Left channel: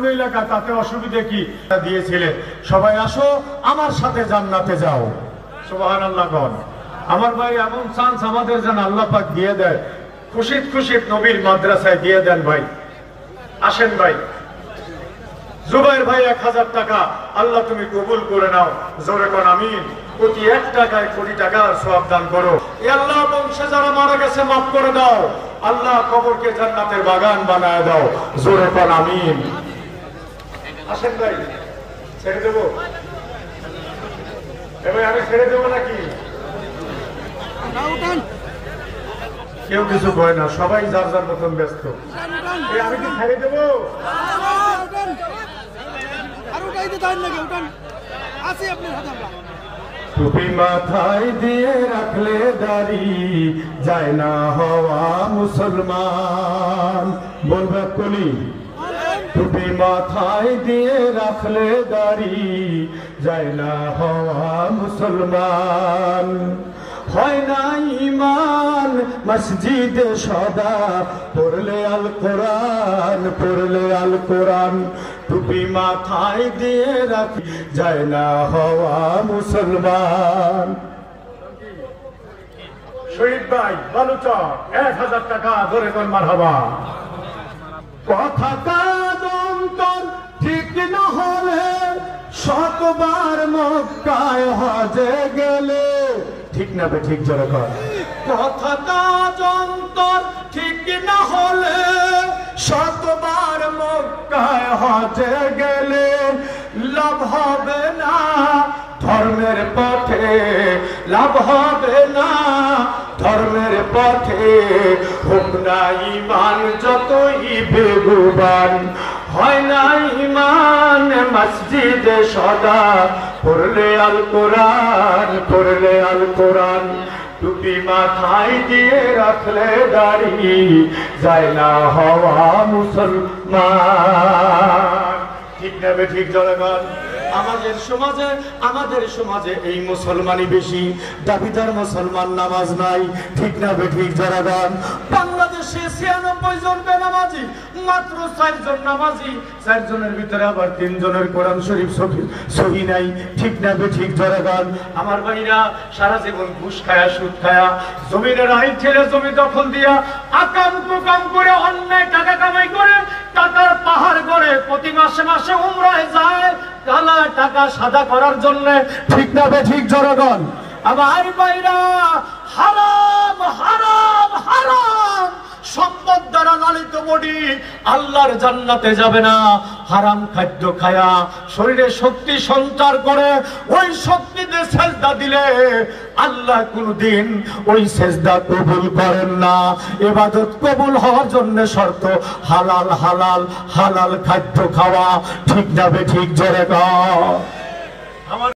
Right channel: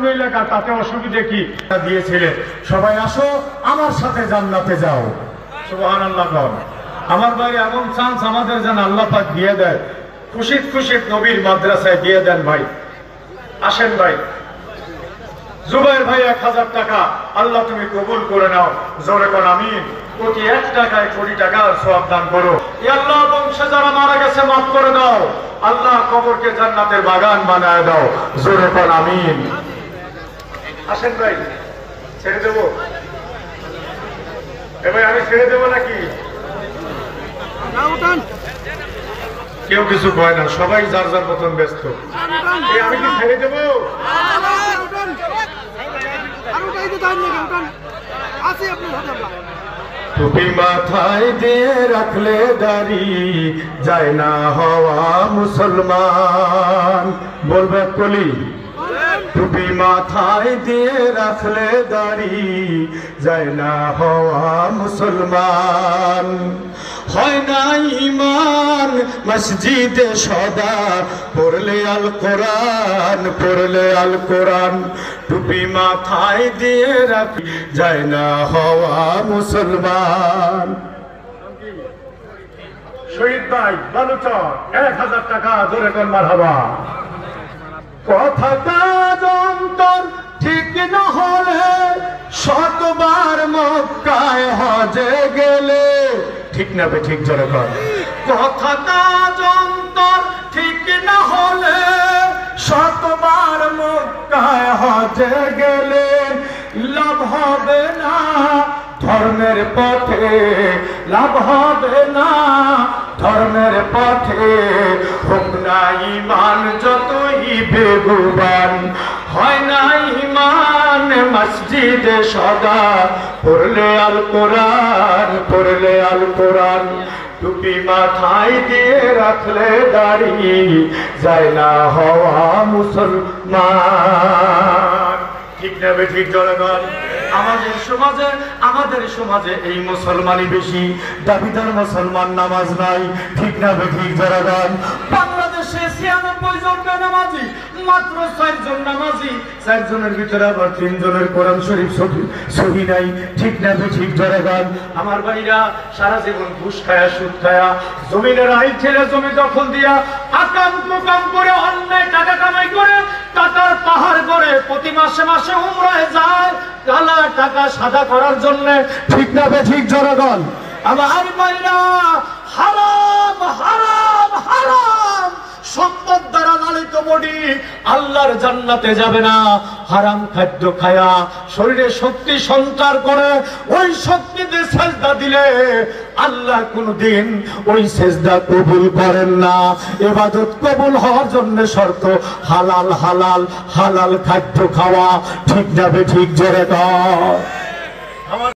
অন্য এলাকা, তাতে অসুবিধা কি? দিয়েছিলেন সবাই আসো আমার সাথে জান্নাতে যাও। সুবহানাল্লাহ বল। আমার ভাই এমন চান্স আমাদের যেন আল্লাহ পাক দিয়ে দেয়, খুশিত খুশিত নবীর মাদ্রাসায় দিয়ে দেন ভাই। আসেন ভাই। জুবাইর ভাই 1000 টাকা আল্লাহ তুমি কবুল করে নাও, জোরে কোন আমিন। প্রতি 1 টাকায় কোটি টাকার সওয়াব দান করো। ইয়া আল্লাহ বংশে যারা মারা গেছে মাফ করে দাও, আল্লাহ কবরকে জান্নাতের বাগান বানায় দাও, জোরে কোন আমিন। আসেন ভাই, ছেড়ে দেবো ভাই, আমি ছেড়ে দেবো নাকি? কেউ কিছু কয় না, সবাই যার যার মতন ব্যস্ত। আমি কি ছেড়ে দেবো? টুপি মাথায় দিয়ে রাখলে দাড়ি যায় না হওয়া মুসলমান। বলবে কলি, টুপি মাথায় দিয়ে রাখলে দাড়ি যায় না হওয়া মুসলমান। হয় না ঈমান মসজিদে সদা পড়লে আল কোরআন, পড়লে আল কোরআন। টুপি মাথায় দিয়ে রাখি যায় না হওয়া মুসলমান। শহীদ ভাই বালুচর 1000 টাকা ধরে কর মারহাবা। কথাটা অন্তর ঠিক না হলে শতবার মক্কায় হজে গেলে, ঠিক না বে ঠিক জোরে কর। কথাটা অন্তর ঠিক না হলে শতবার মক্কায় হজে গেলে লাভ হবে না ধর্মের পথে, লাভ হবে না ধর্মের পথে। হোক না ঈমান যতই বেগুবান, হয় না ঈমান মসজিদে সদা পড়লে আল কোরআন, পড়লে আল কোরআন। টুপি মাথায় দিয়ে রাখলে দাড়ি যায় না হওয়া মুসলমান। ঠিক না বে ঠিক জনগণ? আমাদের সমাজে এই মুসলমানই বেশি, দাবিদার মুসলমান নামাজ নাই। ঠিক না বে ঠিক জনগণ? বাংলাদেশে 96 জন বেনামাজি, মাত্র 4 জন নামাজি, 4 জনের ভিতরে আবার 3 জনের কোরআন শরীফ সহি নাই। ঠিক না বে ঠিক জনগণ? আমার ভাইরা সারা জীবন ঘুষ খায়া সুদ খায়া জমিনের আইন ছেলে জমি দখল দিয়া আকাম কুকাম করে অন্যায় টাকা কামাই করে টাকার পাহাড় করে প্রতি মাসে মাসে উমরায় যায় কালা টাকা সাদা করার জন্য। ঠিক না বে ঠিক জনগণ? আমার ভাইরা হারাম হারাম হারাম সম্পদ দ্বারা লালিত বডি আল্লাহর জান্নাতে যাবে না। হারাম খাদ্য খায়া শরীরে শক্তি সঞ্চার করে ওই শক্তিতে সেজদা দিলে আল্লাহ কোনদিন ওই সেজদা কবুল করেন না। ইবাদত কবুল হওয়ার জন্য শর্ত হালাল হালাল হালাল খাদ্য খাওয়া। ঠিক যাবে ঠিক জোরে দাও।